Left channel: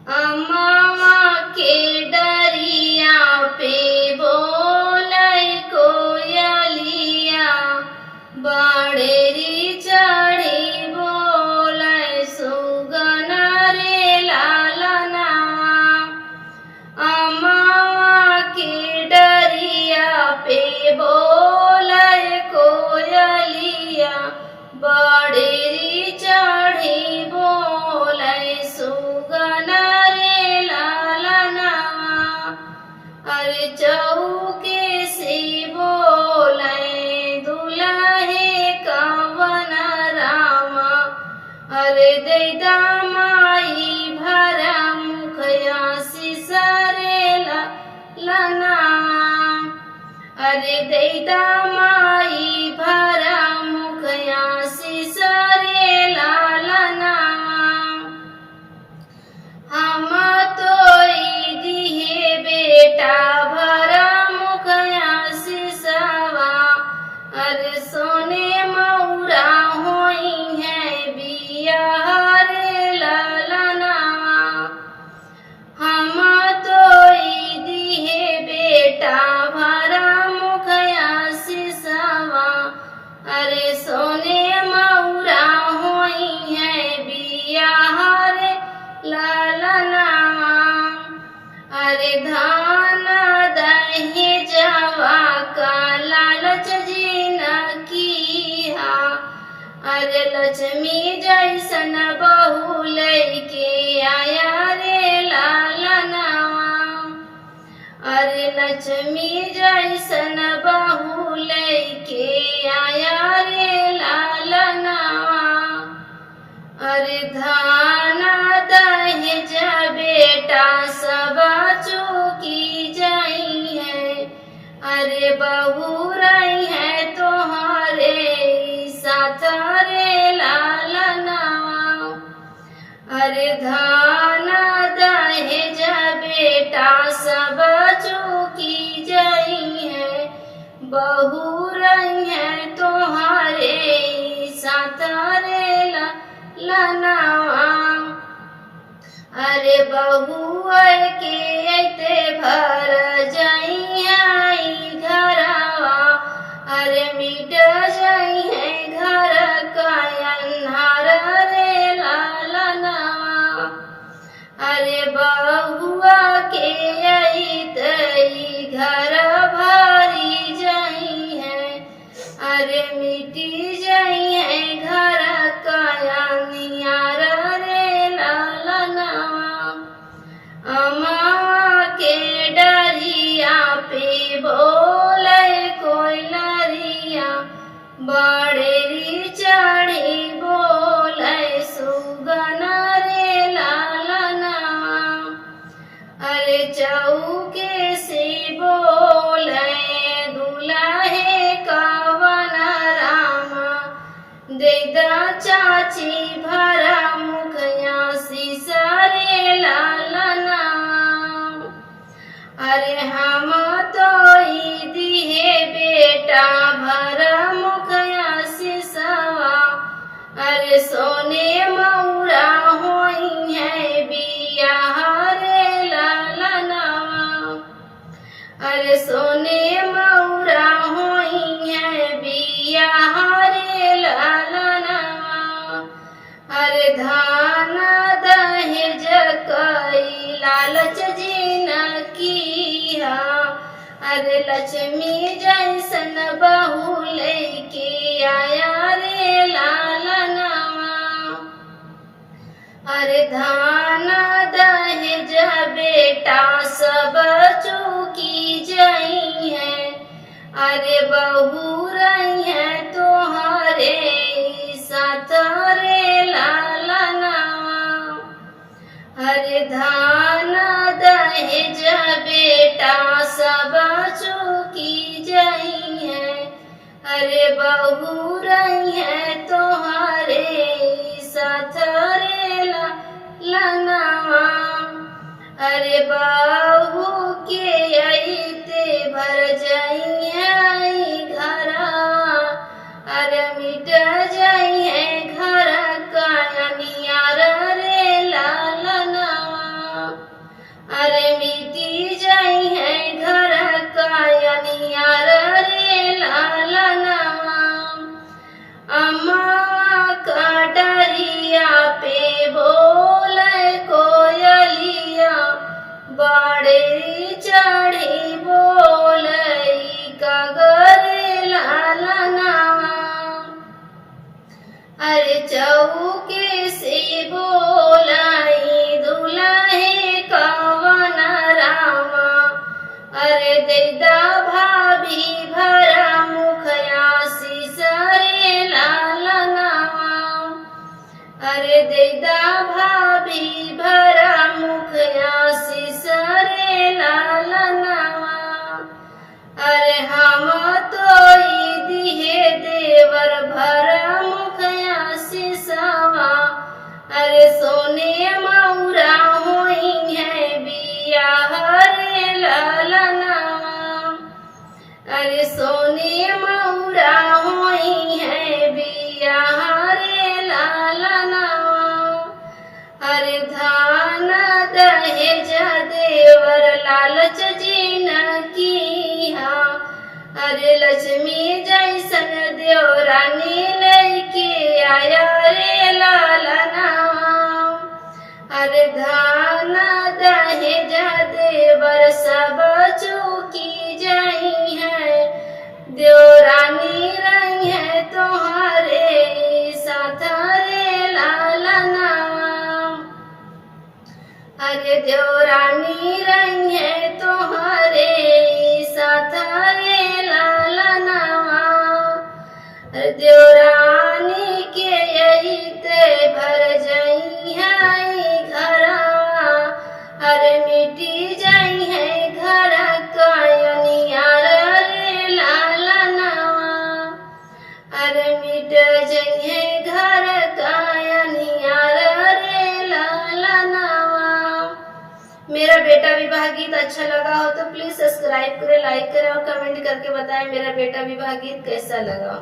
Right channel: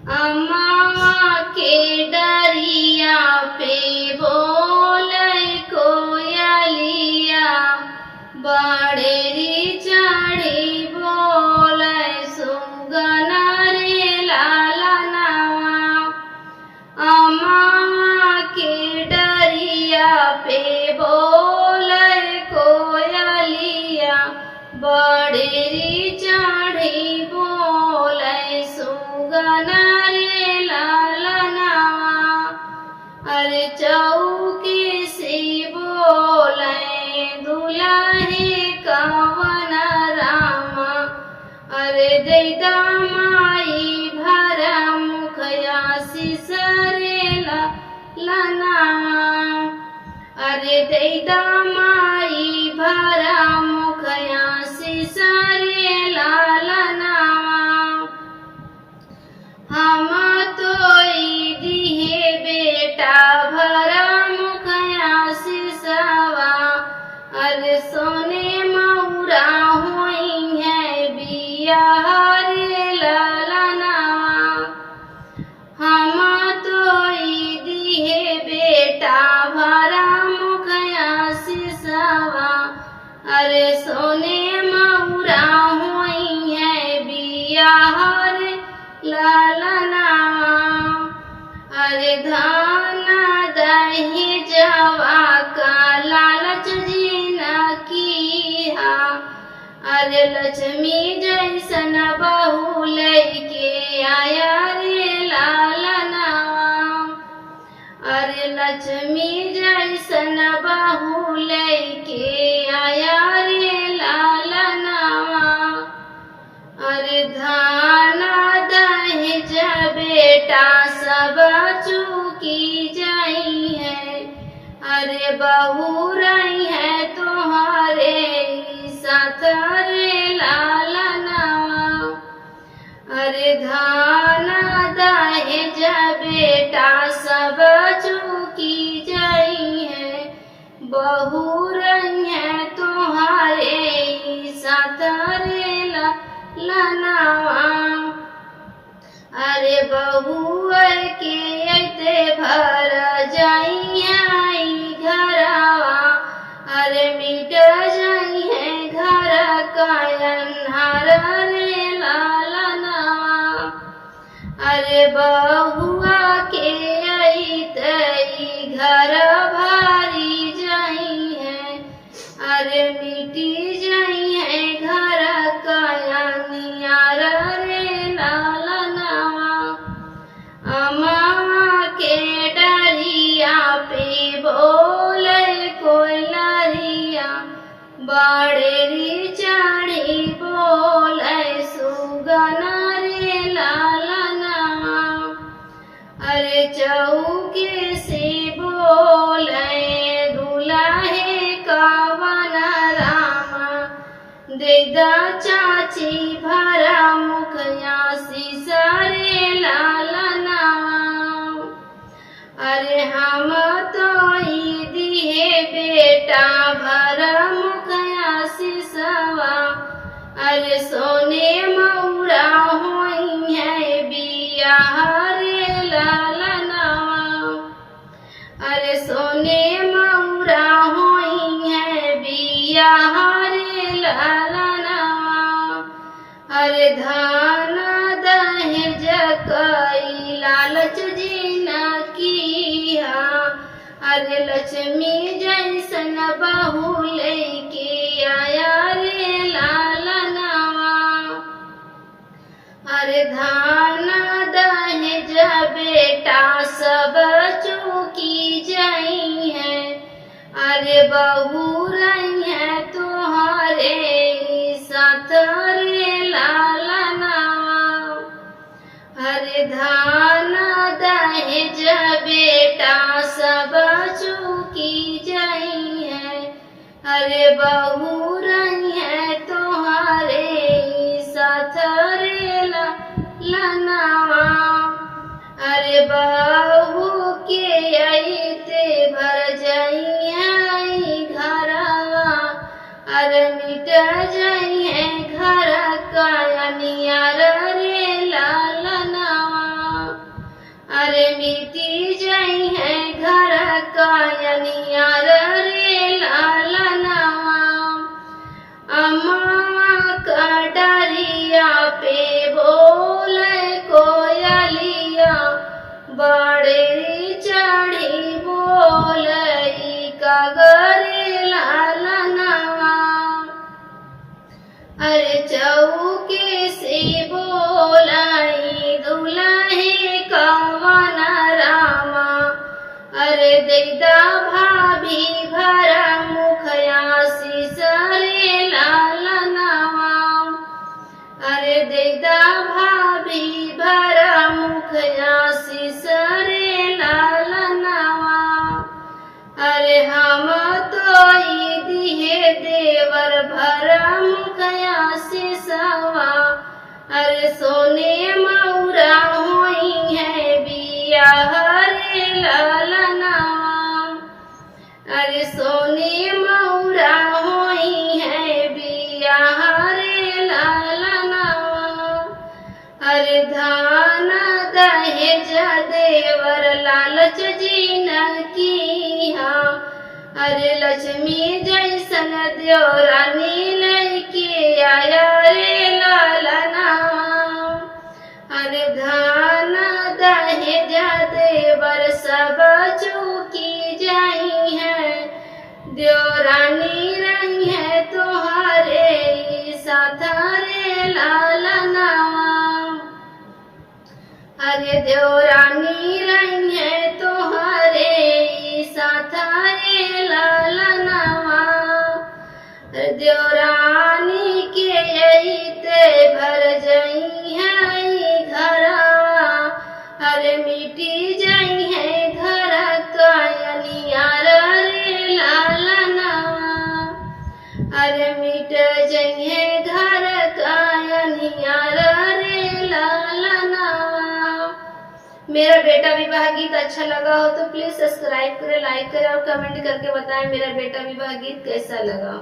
अम्मा के डरिया पे बोलै कोयलिया, बड़ेरी चढ़ी बोलै सुगन रे लालनवा। अम्मा के डरिया पे बोलै कोयलिया, बड़ेरी चढ़ी बोलै सुगन रे लालनवा। अरे चौके से बोलै दुल्हे कवन रामा, अरे दैदा माई भरा मुखया सिसरे ललनवा। अरे दैदा माई भरा मुखया सिसरे ललनवा। हम तोई दिहे बेटा भरा मुखया सिसवा, अरे सोने मौरा होई है बियाह रे ललनवा। हम तोई दिहे बेटा भरा मुखया सिसवा, अरे सोने मौरा होई है बियाह रे ललनवा। अरे धान दहेजवा का लालच जीन कीहा, अरे लक्ष्मी जैसन बहू लैके आया रे लालनवा। अरे लक्ष्मी जैसन बहू लैके आया रे लालनवा। अरे धान दहेज बेटा सब चूकी जाई है, अरे बहू रही है तोहरे साथ रे लालनवा। अरे धान दहेज बेटा सब चूकी जाई है, बहू रही है तोहरे साथ रे ललनवा। अरे बहू के अइते भर जाई है घरवा, अरे मिट जाई है घर का अन्हार रे लालनवा। अरे बहुआ के अइते घर भरी जाई है, अरे मिटी जाई है घर का अन्हार रे लालनवा। अम्मा के डरिया पे बोलै कोयलिया, बड़ेरी चढ़ी बोलै सुगन रे लालनवा। अरे चौके से बोलै दुल्हे कवन रामा, दैदा चाची भरा मुखया सिसरे ललनवा। अरे हम तोई दिहे बेटा भरा मुखया सिसवा, अरे सोने मौरा होई है बियाह रे ललनवा। अरे सोने मौरा होई है बियाह रे ललनवा। अरे धान दहेज कई लालच जीन कीहा, अरे लक्ष्मी जैसन बहू लैके आया रे लालनवा। अरे धान दहेज बेटा सब चूकी जाई है, अरे बहू रही है तोहरे साथ रे लालनवा। अरे धान दहेज बेटा सब चूकी जाई है, अरे बहू रही है तोहरे साथ रे ललनवा। अरे बहू के अइते भर जाई है घरवा, अरे मिट जाई है घर का अनियार रे लालनवा। धान दहेज देवर लालच जीन कीहा, अरे लक्ष्मी जैसन देवरानी लेके आया रे लालना। अरे धान दहेज देवर सब चूकी जाई है, देवरानी रही है तुम्हारे साथ रे लालना। अरे देवरानी रही है तुम्हारे साथ रे लालना। देवरानी के यही ते भर जई है घरवा, अरे मिटी जाई है घर का अनियार रे लालना। अरे मिट जाई है घर का अनियार रे लालना। मेरा बेटा विवाह गीत अच्छा लगा हो तो प्लीज सब्सक्राइब करें, लाइक करें और कमेंट करके बताएं मेरा बेटा विवाह गीत कैसा लगा।